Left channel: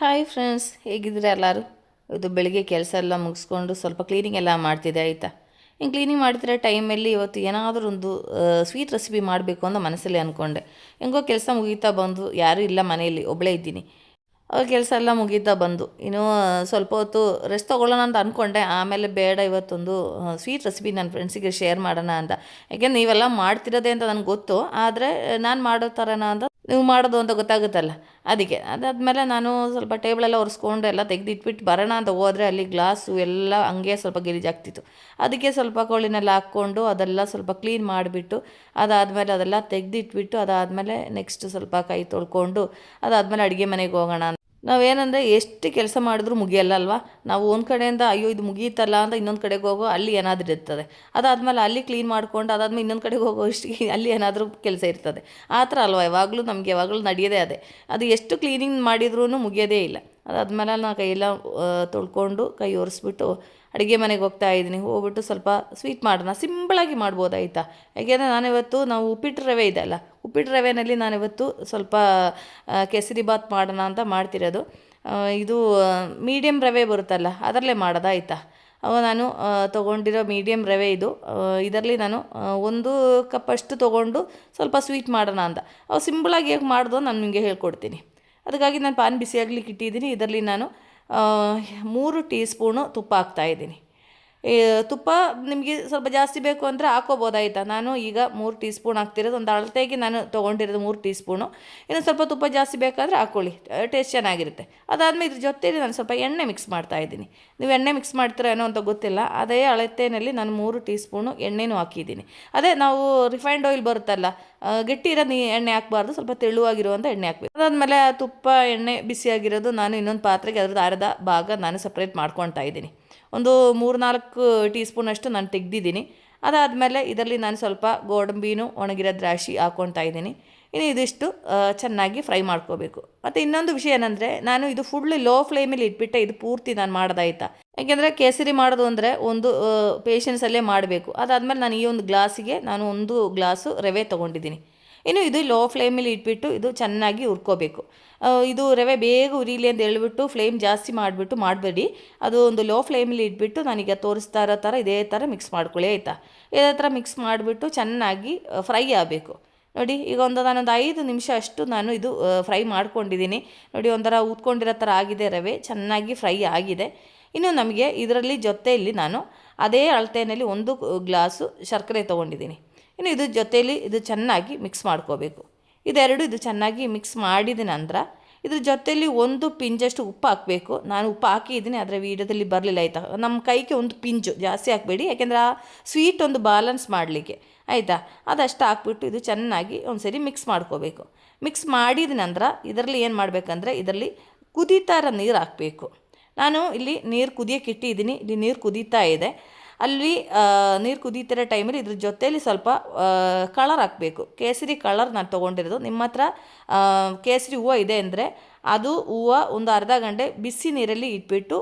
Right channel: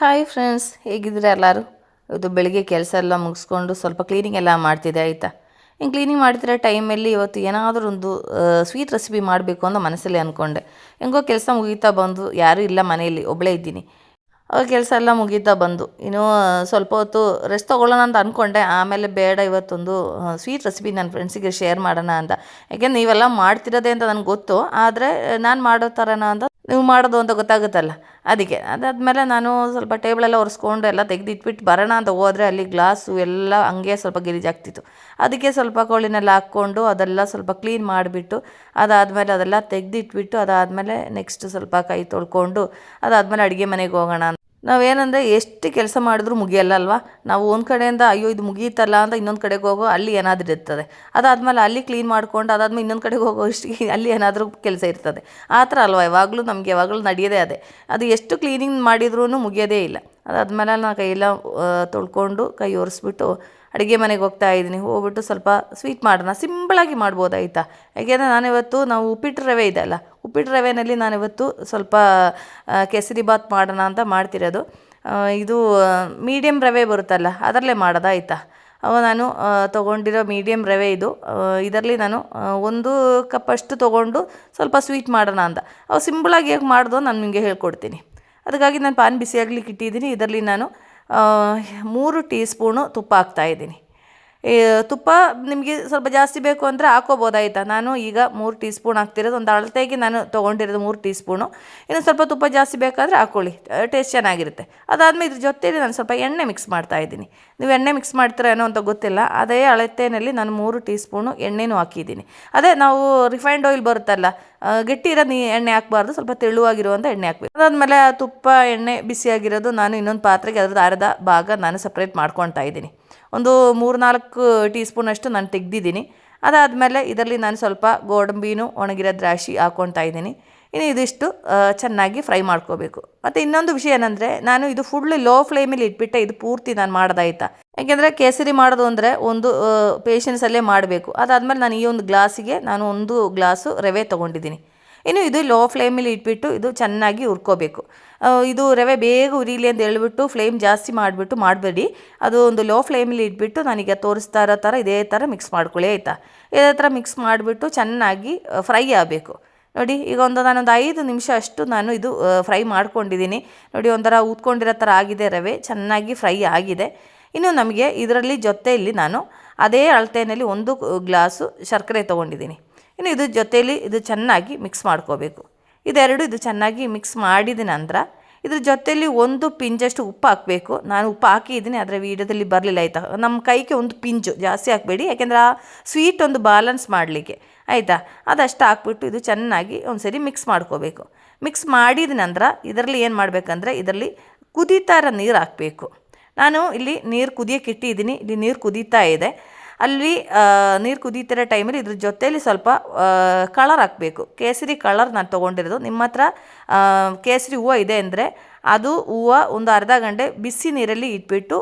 Hi friends, ಹೇಗಿದ್ದೀರಾ ಎಲ್ಲರೂ? ಇವತ್ತು ಬೆಳಿಗ್ಗೆ ಕೆಲಸ ಎಲ್ಲ ಮುಗಿಸ್ಕೊಂಡು ಸ್ವಲ್ಪ ಕ್ಲೀನಿಂಗ್ ಎಲ್ಲ ಮಾಡ್ತಿದ್ದೆ, ಆಯಿತಾ. ಇನ್ನು ಕ್ಲೀನಿಂಗ್ ಮಾಡ್ತಿರೋ ಟೈಮಲ್ಲಿ ಇವತ್ತು ಏನಾದರೂ ಒಂದು ಸ್ವೀಟ್ ರೆಸಿಪಿ ಮಾಡಬೇಕು ಅಂತ ಮನಸ್ಸಲ್ಲಿ ಅಂದ್ಕೊಂಡೆ. ಹೆಂಗೋ ಕೆಲಸ ಮುಗೀತಾ ಬಂದು, ಯಾರೂ ಇಲ್ಲ ಮನೆಯಲ್ಲಿ, ಒಬ್ಬಳೇ ಇದ್ದೀನಿ. ಅವಾಗ ಕೆಲಸ ಎಲ್ಲ ಮುಗೀತಾ ಬಂದು ಇನ್ನೂ ಸ್ವಲ್ಪ ಹೊತ್ತು ರೆಸ್ಟ್ ತೊಗೊಳ್ಳೋಣ ಅಂತ ಅಂದ್ಕೊಂಡೆ. ಆಮೇಲೆ ಬೇಡ, ಇವತ್ತೊಂದು ಸ್ವೀಟ್ ರೆಸಿಪಿ ನನ್ನ ಫ್ರೆಂಡ್ಸಿಗೆ ಶೇರ್ ಮಾಡೋಣ ಅಂತ. ಯಾಕೆಂದ್ರೆ ನೀವೆಲ್ಲ ಮಾಡ್ತಿರೋದೆ ಅಂತ ನನಗೆ ಗೊತ್ತು, ಆದರೆ ನಾನು ಮಾಡೋ ಥರನ ಅಂತ ನೀವು ಮಾಡೋದು ಅಂತ ಗೊತ್ತಾಗುತ್ತಲ್ಲ, ಅದಕ್ಕೆ. ಅದಾದಮೇಲೆ ನಾನು ಸ್ವಲ್ಪ ಟೇಬಲೆಲ್ಲ ಒರೆಸ್ಕೊಂಡು ಎಲ್ಲ ತೆಗೆದಿಟ್ಬಿಟ್ಟು ಬರೋಣ ಅಂತ ಹೋದರೆ ಅಲ್ಲಿ ಗ್ಲಾಸು ಎಲ್ಲ ಹಂಗೆ ಸ್ವಲ್ಪ ಗಲೀಜಾಗ್ತಿತ್ತು. ಅದಕ್ಕೆ ಸ್ವಲ್ಪ ಕೋಳಿನೆಲ್ಲ ಹಾಕ್ಕೊಂಡು ಅದೆಲ್ಲ ಸ್ವಲ್ಪ ಕ್ಲೀನ್ ಮಾಡಿಬಿಟ್ಟು ಅದಾದಮೇಲೆ ಅದೆಲ್ಲ ತೆಗೆದಿಟ್ಬಿಟ್ಟು ಅದಾದಮೇಲೆ ನೆಕ್ಸ್ಟ್ ಸ್ವಲ್ಪ ಕೈ ತೊಳ್ಕೊಂಡು ಅದಾದಮೇಲೆ ಅಡುಗೆ ಮನೆಗೆ ಹೋಗೋಣ. ನಾವೇನಂದರೆ ಎಷ್ಟು ಕೆಲಸ ಮಾಡಿದ್ರೂ ಮುಗಿಯಲ್ಲ ಅಲ್ವಾ. ನಾವು ಒಂದು ಕಡೆಯಿಂದ ಅಯ್ಯೋ ಇದು ಮುಗಿಯುತ್ತಲ್ಲ ಅಂತ ಇನ್ನೊಂದು ಕಡೆಗೆ ಹೋಗೋ ಅಲ್ಲಿ ಏನಾದರೂ ಇರ್ತದೆ. ಅದಾದಮೇಲೆ ಅಲ್ಲಿ ಕ್ಲೀನ್ ಮಾಡ್ಕೊಂಡು ಅದಾದಮೇಲೆ ಇನ್ನೊಂದು ಕಡೆಗೆ ಹೋಗೋ ಇಷ್ಟಿಗೆ ಅಲ್ಲಿ ಏನಾದರೂ ಕೆಲಸ ಇರ್ತದೆ. ಆ ಥರ ಅಲ್ವಾ ಯಾವಾಗಲೂ ನಮಗೆ, ಯಾವಾಗಲೂ ನಡೆಯೋದೇ ಅದೇ. ಅದು ಎಷ್ಟು ಕ್ಲೀನಿಂಗ್ ಮಾಡಿದ್ರೂ ಮುಗಿಯೋದೇ ಇಲ್ಲ. ಅದಾದಮೇಲೆ ನಾನು ಕೈಯೆಲ್ಲ ತೊಳ್ಕೊಂಡು ಕೈ ಒರೆಸ್ಬಿಟ್ಟು ಅಡುಗೆ ಮನೆಗೆ ಹೋಗ್ತಾ ಇದ್ದೀನಿ. ಹೋಗ್ಬಿಟ್ಟು ಸ್ವಲ್ಪ ಸ್ವೀಟ್ ಮಾಡೋಣ, ಸಿಂಪಳಾಗಿ ಮಾಡ್ಬೋದಾಯ್ತಾ. ಯಾಕೆಂದರೆ ನಾವು ಉಪ್ಪಿಟ್ಟು ರವೆ ಇದೆ ಅಲ್ಲ, ಉಪ್ಪಿಟ್ಟು ರವೆಯಲ್ಲಿ ನಾನಿವತ್ತು ಸ್ವಲ್ಪ ಕೇಸರಿ ಬಾತ್ ಮಾಡೋಣ ಅಂತ ಮಾಡ್ತಿರೋದು. ಇದು ಮೀಡಿಯಮ್ ರವೆ ಬರುತ್ತಲ್ಲ ಅದರಲ್ಲೇ ಮಾಡೋದಾಯ್ತಾ. ನಾನು ತೊಗೊಂಡಿರೋ ಮೀಡಿಯಮ್ ರವೆ ಇದು. ಇದರಲ್ಲಿ ನಾನು 1 ಕಪ್ಪಷ್ಟು ತೊಗೊಂಡು ಸ್ವಲ್ಪ ಸ್ವೀಟ್ ಮಾಡೋಣ ಅಂತ. ಸಿಂಪಳಾಗಿ ಹೇಗೆ ಮಾಡೋದು ನಾನು ನಿಮಗೆ ಹೇಳ್ಕೊಡ್ತೀನಿ. ಅದಕ್ಕಾಗಿ ನಾನು ಪಾನ್ ಬಿಸಿಯಾಗ್ಲಿಕ್ಕೆ ಇಟ್ಟಿದ್ದೀನಿ. ಇದರಲ್ಲಿ ನಾನು 3 ಟೀ ಸ್ಪೂನು ತುಪ್ಪ ಹಾಕ್ತಾಯಿದ್ದೀನಿ. ತುಪ್ಪ ನಿಮಗೆ ಸ್ವಲ್ಪ ಜಾಸ್ತಿ ಬೇಕು ಅಂದರೆ ಹಾಕ್ಕೋಬೋದಾಯ್ತಾ. ನಾನು ಈಗ 3 ಟೀ ಸ್ಪೂನ್ ಹಾಕ್ತಿರೋದು, ಒಂದು ಅಳತೆಗೆ ನಾನು ತೊಗೊಂಡಿರೋದು 3 ಟೀ ಸ್ಪೂನು. ಇನ್ನು ಸ್ವಲ್ಪ ತುಪ್ಪ ಜಾಸ್ತಿ ಬೇಕಾದರೆ ಹಾಕ್ಕೊಳ್ಳಿ, ಟೇಸ್ಟ್ ಚೆನ್ನಾಗಿರುತ್ತೆ. ಅದಾದಮೇಲೆ ಇದ್ರ ಜೊತೆಯಲ್ಲಿ ನಾನು ಸ್ವಲ್ಪ ಎಣ್ಣೆ ಮಿಕ್ಸ್ ಮಾಡ್ತಾಯಿದ್ದೀನಿ. ನೀವು ಎಣ್ಣೆ ಮಿಕ್ಸ್ ಮಾಡ್ತೀರಾ ಏನೋ ಅಂತ ಗೊತ್ತಿಲ್ಲ, ಅದೇ ಅಳತೆಯಲ್ಲಿ ನಾನು 3 ಟೀ ಸ್ಪೂನು ಎಣ್ಣೆನೂ ಹಾಕಿದ್ದೀನಿ. ಅದೇ ನಾವು ರಿಫೈನ್ಡ್ ಆಯಿಲ್ ಬರುತ್ತಲ್ಲ, ಗಟ್ಟಿ ಇರೋದು ಎಣ್ಣೆ ಹಾಕಬಾರ್ದು, ಸ್ವಲ್ಪ ತೆಳುವಾಗಿರುವಂಥ ಎಣ್ಣೆ ಹಾಕಬೇಕು. ಅದಾದಮೇಲೆ ಆ ತುಪ್ಪ ಎಣ್ಣೆ ಬಿಸಿಯಾಗಿರೋದು ನಾನು ಇನ್ನೊಂದು ಪಾತ್ರೆಗೆ ಅದ್ರದ್ದು ಅರ್ಧ ಭಾಗ ನಾನು ಸಪ್ರೇಟ್ ಮಾಡ್ಕೊತಾ ಇದ್ದೀನಿ. ಒಂದು 3-4 ಟೀ ಸ್ಪೂನಷ್ಟು ನಾನು ತೆಗೆದಿದ್ದೀನಿ. ಅದಾದಮೇಲೆ ಇದರಲ್ಲಿ ನಾನು ಸ್ವಲ್ಪ ಗೋಡಂಬಿನೂ ಒಣಗಿರೋ ದ್ರಾಕ್ಷಿ ಹಾಕ್ಕೊತಾ ಇದ್ದೀನಿ. ಇನ್ನು ಇದಿಷ್ಟು ಚೆನ್ನಾಗಿ ಫ್ರೈ ಮಾಡ್ಕೋಬೇಕು. ಮತ್ತು ಇನ್ನೊಂದು ವಿಷಯ ಏನಂದರೆ, ನಾನು ಇದು ಫುಲ್ ಲೋ ಫ್ಲೇಮಲ್ಲಿ ಇಟ್ಬಿಟ್ಟೆ ಇದು ಪೂರ್ತಿ ನಾನು ಮಾಡೋದಾಯ್ತಾ. ಯಾಕೆಂದರೆ ಕೇಸರಿ ಮಾಡೋದು ಅಂದರೆ ಒಂದು ಪೇಷನ್ಸಲ್ಲೇ ಮಾಡಬೇಕು. ಅದಾದಮೇಲೆ ನಾನು ಈ ಒಂದು ಗ್ಲಾಸಿಗೆ ನಾನು 1 ಗ್ಲಾಸು ರವೆ ತೊಗೊಂಡಿದ್ದೀನಿ. ಇನ್ನು ಇದು ಲೋ ಫ್ಲೇಮಲ್ಲಿ ಇಟ್ಬಿಟ್ಟು ಇದು ಚೆನ್ನಾಗಿ ಹುರ್ಕೋಬೇಕು. ಇದು ರವೆ ಬೇಗ ಉರಿಲಿ ಅಂತ ಹೇಳ್ಬಿಟ್ಟು ಫ್ಲೇಮ್ ಜಾಸ್ತಿ ಮಾಡಿಬಿಟ್ಟು ಮಾಡಬೇಡಿ. ಅದು ಒಂದು ಲೋ ಫ್ಲೇಮಲ್ಲಿ ಇಟ್ಬಿಟ್ಟು ನಾನೀಗ ತೋರಿಸ್ತಾ ಇರೋ ಥರ ಇದೇ ಥರ ಮಿಕ್ಸ್ ಮಾಡ್ಕೊಳ್ಳಿ ಆಯಿತಾ. ಇದೇ ಥರ ಮಿಕ್ಸ್ ಮಾಡಿಬಿಟ್ಟು ಚೆನ್ನಾಗಿ ಫ್ರೈ ಆಗಬೇಕು. ನೋಡಿ, ಈಗ ನಾನೊಂದು 5 ನಿಮಿಷ ಅಷ್ಟು ನಾನು ಇದು ಫ್ರೈ ಮಾಡ್ಕೊಂಡಿದ್ದೀನಿ. ನೋಡಿ, ಒಂಥರ ಊದ್ಕೊಂಡಿರೋ ಥರ ಆಗಿದೆ, ರವೆ ಚೆನ್ನಾಗಿ ಫ್ರೈ ಆಗಿದೆ. ಇನ್ನು ನಮಗೆ ಇದರಲ್ಲಿ ಜೊತೆಯಲ್ಲಿ ನಾನು ಅದೇ ಅಳತೆಯಲ್ಲಿ 1 ಗ್ಲಾಸು ಸಕ್ಕರೆ ತೊಗೊಂಡಿದ್ದೀನಿ. ಇನ್ನು ಇದ್ರ ಜೊತೆಯಲ್ಲಿ ಇದು ಚೆನ್ನಾಗಿ ಮಿಕ್ಸ್ ಮಾಡ್ಕೋಬೇಕು. ಇದು ಚೆನ್ನಾಗಿ ಮಿಕ್ಸ್ ಮಾಡಿದ ನಂತರ ಇದ್ರ ಜೊತೆಯಲ್ಲಿ 1 ಪಿಂಚಷ್ಟು ಉಪ್ಪು ಹಾಕಬೇಕು. ನಾನು ಉಪ್ಪು ಹಾಕಿದ್ದೀನಿ, ಆದರೆ ವೀಡಿಯೋದಲ್ಲಿ ಬರಲಿಲ್ಲ ಆಯಿತಾ. ನಮ್ಮ ಕೈಗೆ 1 ಪಿಂಚು, ಜಾಸ್ತಿ ಹಾಕಬೇಡಿ, ಯಾಕೆಂದರೆ ಆ ಸ್ವೀಟ್ ಒಂದು ಬ್ಯಾಲೆನ್ಸ್ ಮಾಡಲಿಕ್ಕೆ ಆಯಿತಾ. ಅದಷ್ಟು ಹಾಕ್ಬಿಟ್ಟು ಇದು ಚೆನ್ನಾಗಿ ಒಂದು ಸರಿ ಮಿಕ್ಸ್ ಮಾಡ್ಕೋಬೇಕು. ಮಿಕ್ಸ್ ಮಾಡಿದ ನಂತರ ಇದರಲ್ಲಿ ಏನು ಮಾಡಬೇಕಂದ್ರೆ, ಇದರಲ್ಲಿ ಕುದೀತಾ ಇರೋ ನೀರು ಹಾಕಬೇಕು. ನಾನು ಇಲ್ಲಿ ನೀರು ಕುದಿಯೋಕ್ಕೆ ಇಟ್ಟಿದ್ದೀನಿ. ಇಲ್ಲಿ ನೀರು ಕುದೀತಾ ಇದೆ. ಅಲ್ಲಿ ನೀರು ಕುದೀತಿರೋ ಟೈಮಲ್ಲಿ ಇದ್ರ ಜೊತೆಯಲ್ಲಿ ಸ್ವಲ್ಪ ಕಲರ್ ಹಾಕಬೇಕು. ಕೇಸರಿ ಕಲರ್ ನಾನು ತೊಗೊಂಡಿರೋದು. ನಿಮ್ಮ ಹತ್ರ ಕೇಸರಿ ಹೂವು ಇದೆ ಅಂದರೆ ಅದು ಹೂವು ಒಂದು ಅರ್ಧ ಗಂಟೆ ಬಿಸಿ ನೀರಲ್ಲಿ ಇಟ್ಬಿಟ್ಟು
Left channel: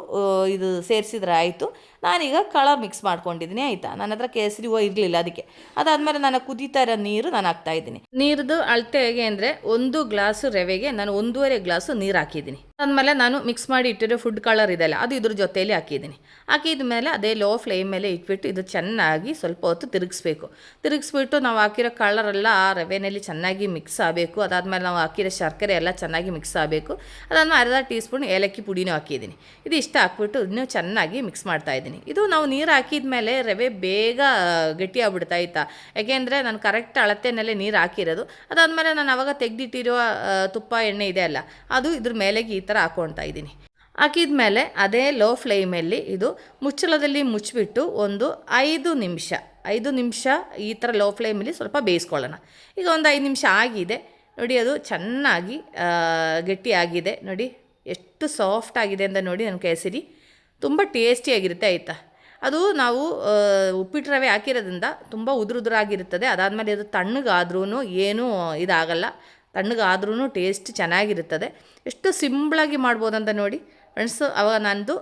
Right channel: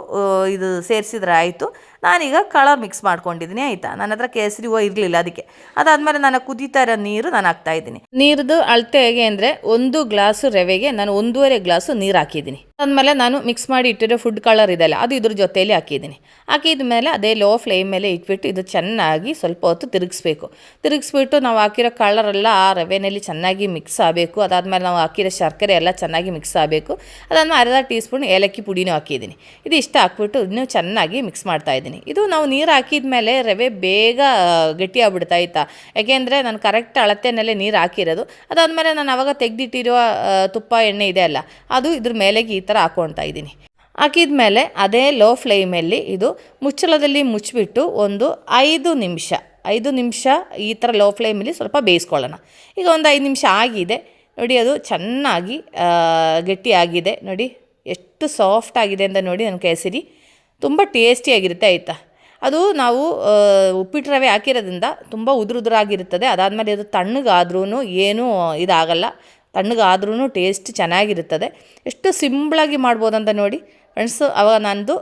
ಇದು ಸೇರಿಸಿದ್ರೆ ಆಯಿತು. ನಾನೀಗ ಕಲರ್ ಮಿಕ್ಸ್ ಮಾಡ್ಕೊಂಡಿದ್ದೀನಿ ಆಯಿತಾ. ನನ್ನ ಹತ್ರ ಕೇಸರಿ ಹೂವು ಇರಲಿಲ್ಲ, ಅದಕ್ಕೆ. ಅದಾದಮೇಲೆ ನಾನು ಕುದೀತಾ ಇರೋ ನೀರು ನಾನು ಹಾಕ್ತಾಯಿದ್ದೀನಿ. ನೀರದು ಅಳತೆ ಹೇಗೆ ಅಂದರೆ, 1 ಗ್ಲಾಸು ರವೆಗೆ ನಾನು 1.5 ಗ್ಲಾಸು ನೀರು ಹಾಕಿದ್ದೀನಿ. ಅದಾದಮೇಲೆ ನಾನು ಮಿಕ್ಸ್ ಮಾಡಿ ಇಟ್ಟಿರೋ ಫುಡ್ ಕಲರ್ ಇದೆಯಲ್ಲ, ಅದು ಇದ್ರ ಜೊತೆಯಲ್ಲಿ ಹಾಕಿದ್ದೀನಿ. ಹಾಕಿದ ಮೇಲೆ ಅದೇ ಲೋ ಫ್ಲೇಮ್ ಮೇಲೆ ಇಟ್ಬಿಟ್ಟು ಇದು ಚೆನ್ನಾಗಿ ಸ್ವಲ್ಪ ಹೊತ್ತು ತಿರುಗಿಸ್ಬಿಟ್ಟು ನಾವು ಹಾಕಿರೋ ಕಲರೆಲ್ಲ ಆ ರವೆನಲ್ಲಿ ಚೆನ್ನಾಗಿ ಮಿಕ್ಸ್ ಆಗಬೇಕು. ಅದಾದಮೇಲೆ ನಾವು ಹಾಕಿರೋ ಶರ್ಕರೆ ಎಲ್ಲ ಚೆನ್ನಾಗಿ ಮಿಕ್ಸ್ ಆಗಬೇಕು. ಅದನ್ನು ಅರ್ಧ ಟೀ ಸ್ಪೂನ್ ಏಲಕ್ಕಿ ಪುಡಿನೂ ಹಾಕಿದ್ದೀನಿ. ಇದು ಇಷ್ಟ ಹಾಕ್ಬಿಟ್ಟು ಇನ್ನೂ ಚೆನ್ನಾಗಿ ಮಿಕ್ಸ್ ಮಾಡ್ತಾಯಿದ್ದೀನಿ. ಇದು ನಾವು ನೀರು ಹಾಕಿದ ಮೇಲೆ ರವೆ ಬೇಗ ಗಟ್ಟಿ ಆಗ್ಬಿಡ್ತಾ ಆಯಿತಾ. ಯಾಕೆಂದರೆ ನಾನು ಕರೆಕ್ಟ್ ಅಳತೆಯಲ್ಲೇ ನೀರು ಹಾಕಿರೋದು. ಅದಾದಮೇಲೆ ನಾನು ಆವಾಗ ತೆಗೆದಿಟ್ಟಿರುವ ತುಪ್ಪ ಎಣ್ಣೆ ಇದೆ ಅಲ್ಲ, ಅದು ಇದ್ರ ಮೇಲೆಗೆ ಈ ಥರ ಹಾಕ್ಕೊಳ್ತಾ ಇದ್ದೀನಿ. ಹಾಕಿದ ಮೇಲೆ ಅದೇ ಲೋ ಫ್ಲೇಮಲ್ಲಿ ಇದು ಮುಚ್ಚಳದಲ್ಲಿ ಮುಚ್ಚಿಬಿಟ್ಟು ಒಂದು 5 ನಿಮಿಷ ಈ ಥರ ಲೋ ಫ್ಲೇಮಲ್ಲಿ ಸ್ವಲ್ಪ ಬೇಯಿಸ್ಕೊಳ್ಳೋಣ. ಈಗ ಒಂದು 5 ನಿಮಿಷ ಆಗಿದೆ ನೋಡಿ, ಅದು ಚೆನ್ನಾಗಿ ಗಟ್ಟಿಯಾಗಿದೆ. ನೋಡಿ ಎಷ್ಟು ಸಾಫ್ಟ್ ಆಗಿದೆ ಅಂತ ನೋಡಿ. ನನ್ನ ಕೇಸರಿ ತುಂಬ ಟೇಸ್ಟಿಯಾಗಿರುತ್ತೆ ಆಯಿತಾ. ಅದು ನಾವು ಉಪ್ಪಿಟ್ಟು ರವೆ ಹಾಕಿರೋದ್ರಿಂದ ತುಂಬ ಉದುರುದುರಾಗಿರುತ್ತದೆ. ಅದಾದಮೇಲೆ ಅದು ತಣ್ಣಗಾದ್ರೂ ಏನೂ ಇದಾಗಲ್ಲ, ತಣ್ಣಗಾದ್ರೂ ಟೇಸ್ಟ್ ಚೆನ್ನಾಗಿರುತ್ತದೆ. ಎಷ್ಟು ಸಿಂಪಳಾಗಿ ಮಾಡ್ಬೋದಂತ ನೋಡಿ ಫ್ರೆಂಡ್ಸು. ಆವಾಗ ನಂದು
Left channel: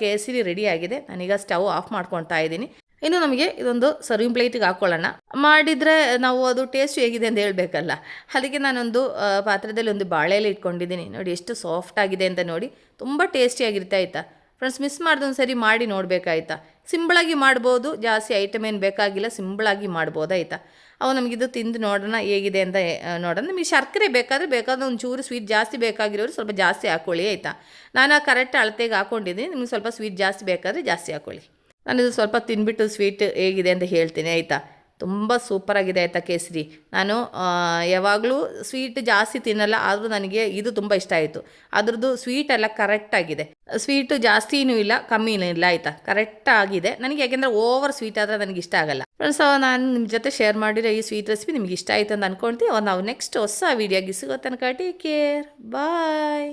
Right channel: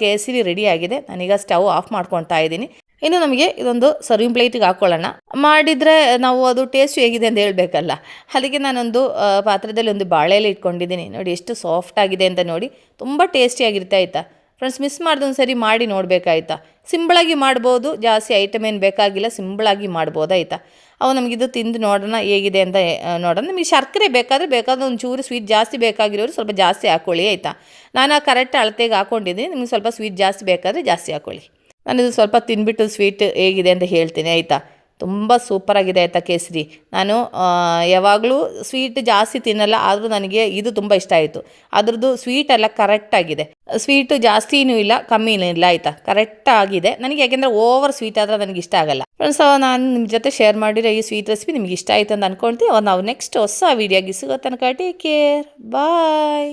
ಕೇಸರಿ ರೆಡಿಯಾಗಿದೆ. ನಾನೀಗ ಸ್ಟವ್ ಆಫ್ ಮಾಡ್ಕೊತಾ ಇದ್ದೀನಿ. ಇನ್ನು ನಮಗೆ ಇದೊಂದು ಸರ್ವಿಂಗ್ ಪ್ಲೇಟಿಗೆ ಹಾಕ್ಕೊಳ್ಳೋಣ. ಮಾಡಿದರೆ ನಾವು ಅದು ಟೇಸ್ಟ್ ಹೇಗಿದೆ ಅಂತ ಹೇಳಬೇಕಲ್ಲ. ಅದಕ್ಕೆ ನಾನೊಂದು ಪಾತ್ರದಲ್ಲಿ ಒಂದು ಬಾಳೆ ಎಲೆ ಇಟ್ಕೊಂಡಿದ್ದೀನಿ. ನೋಡಿ ಎಷ್ಟು ಸಾಫ್ಟ್ ಆಗಿದೆ ಅಂತ ನೋಡಿ. ತುಂಬ ಟೇಸ್ಟಿಯಾಗಿರುತ್ತೆ ಆಯಿತಾ. ಫ್ರೆಂಡ್ಸ್, ಮಿಸ್ ಮಾಡ್ದೊಂದು ಸರಿ ಮಾಡಿ ನೋಡಬೇಕಾಯ್ತಾ. ಸಿಂಪಳಾಗಿ ಮಾಡ್ಬೋದು, ಜಾಸ್ತಿ ಐಟಮ್ ಏನು ಬೇಕಾಗಿಲ್ಲ, ಸಿಂಪಳಾಗಿ ಮಾಡ್ಬೋದು ಆಯಿತಾ. ಅವು ನಮಗಿದು ತಿಂದು ನೋಡೋಣ ಹೇಗಿದೆ ಅಂತ ನೋಡೋಣ. ನಿಮಗೆ ಶರ್ಕರೆ ಬೇಕಾದರೆ ಒಂಚೂರು ಸ್ವೀಟ್ ಜಾಸ್ತಿ ಬೇಕಾಗಿರೋರು ಸ್ವಲ್ಪ ಜಾಸ್ತಿ ಹಾಕ್ಕೊಳ್ಳಿ ಆಯಿತಾ. ನಾನು ಆ ಕರೆಕ್ಟ್ ಅಳತೆಗೆ ಹಾಕ್ಕೊಂಡಿದ್ದೀನಿ. ನಿಮಗೆ ಸ್ವಲ್ಪ ಸ್ವೀಟ್ ಜಾಸ್ತಿ ಬೇಕಾದರೆ ಜಾಸ್ತಿ ಹಾಕ್ಕೊಳ್ಳಿ. ನಾನಿದು ಸ್ವಲ್ಪ ತಿಂದ್ಬಿಟ್ಟು ಸ್ವೀಟ್ ಹೇಗಿದೆ ಅಂತ ಹೇಳ್ತೀನಿ ಆಯಿತಾ. ತುಂಬ ಸೂಪರಾಗಿದೆ ಆಯಿತಾ ಕೇಸರಿ. ನಾನು ಯಾವಾಗಲೂ ಸ್ವೀಟ್ ಜಾಸ್ತಿ ತಿನ್ನಲ್ಲ, ಆದರೂ ನನಗೆ ಇದು ತುಂಬ ಇಷ್ಟ ಆಯಿತು. ಅದ್ರದ್ದು ಸ್ವೀಟ್ ಎಲ್ಲ ಕರೆಕ್ಟಾಗಿದೆ. ಸ್ವೀಟು ಜಾಸ್ತಿನೂ ಇಲ್ಲ, ಕಮ್ಮಿನೂ ಇಲ್ಲ ಆಯಿತಾ. ಕರೆಕ್ಟಾಗಿದೆ ನನಗೆ. ಯಾಕೆಂದರೆ ಓವರ್ ಸ್ವೀಟ್ ಆದರೆ ನನಗೆ ಇಷ್ಟ ಆಗಲ್ಲ. ಫ್ರೆಂಡ್ಸ್, ನಾನು ನಿಮ್ಮ ಜೊತೆ ಶೇರ್ ಮಾಡಿರೋ ಈ ಸ್ವೀಟ್ ರೆಸಿಪಿ ನಿಮ್ಗೆ ಇಷ್ಟ ಆಯಿತು ಅಂತ ಅಂದ್ಕೊಳ್ತೀವಿ. ನಾವು ನೆಕ್ಸ್ಟ್ ಹೊಸ ವೀಡಿಯೋಗೆ ಸಿಗೋ ತನಕ ಟೇಕ್ ಕೇರ್, ಬಾಯ್.